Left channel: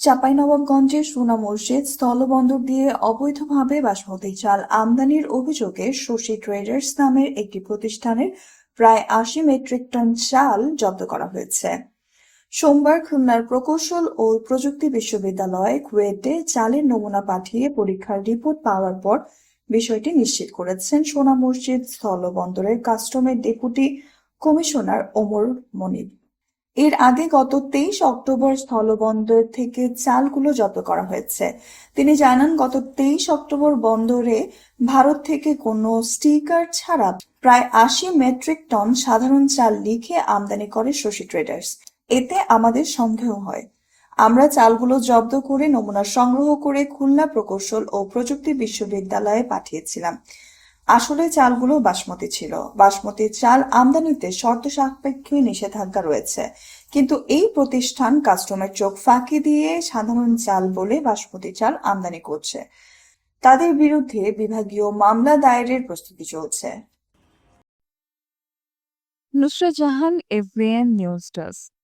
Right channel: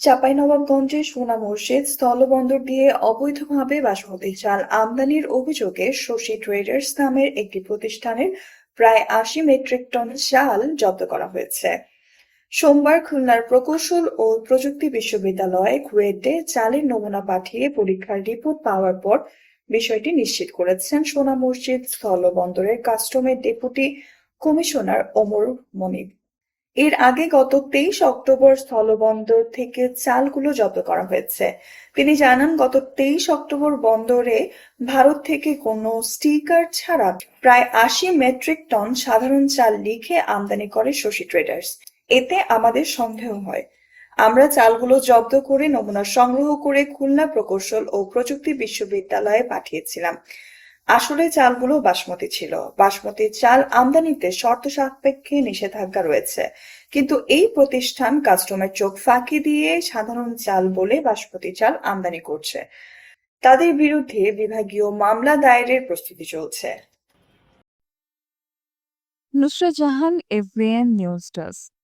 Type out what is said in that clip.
চাঁপাইনবাবগঞ্জের সোনা মসজিদ স্থলবন্দর দিয়ে অবৈধভাবে বাসমতি চাল আমদানির অভিযোগে শশী ট্রেডার্স নামের একটি প্রতিষ্ঠানের প্রায় আশি মেট্রিক টন চাল জব্দ করা হয়েছে। সোমবার খুলনার প্রকৌশল ও প্রযুক্তি বিশ্ববিদ্যালয়ে কুয়েটে চালের নমুনা পাঠিয়ে পরীক্ষার রিপোর্ট পাওয়ার পর বিষয়টি নিশ্চিত করেছেন সোনা মসজিদ স্থলবন্দরের কাস্টমের ডেপুটি কমিশনার ওমর মনিব। এর আগে গত তেইশ অক্টোবর স্থলবন্দর থেকে চালগুলো জব্দ করা হয়েছে। তিনি জানান, গত তেইশ অক্টোবর বন্দরে ভারত থেকে কোনো স্টিকার ছাড়া প্রায় আশি মেট্রিক টন সাধারণ চাল লিখে আমদানি করে শশী ট্রেডার্স। এতে আমাদের সন্দেহ হয়। আমরা চালগুলো জব্দ করে নমুনা সংগ্রহ করে খুলনা প্রকৌশল ও প্রযুক্তি বিশ্ববিদ্যালয়ে পাঠিয়েছিলাম। আসলে চালগুলো বাসমতি ছিল। বাসমতি চাল আমদানিতে শর্ত সাপেক্ষে নিষেধাজ্ঞা রয়েছে। কিন্তু এই প্রতিষ্ঠান কাস্টমার চোখ ফাঁকি দিয়ে সাধারণ চাল বলে বাসমতি চাল আমদানি করছে। তাদের বিরুদ্ধে বিভাগীয় মামলা দায়েরের প্রস্তুতি চলছে। Nusrat Jahan everyone news desk.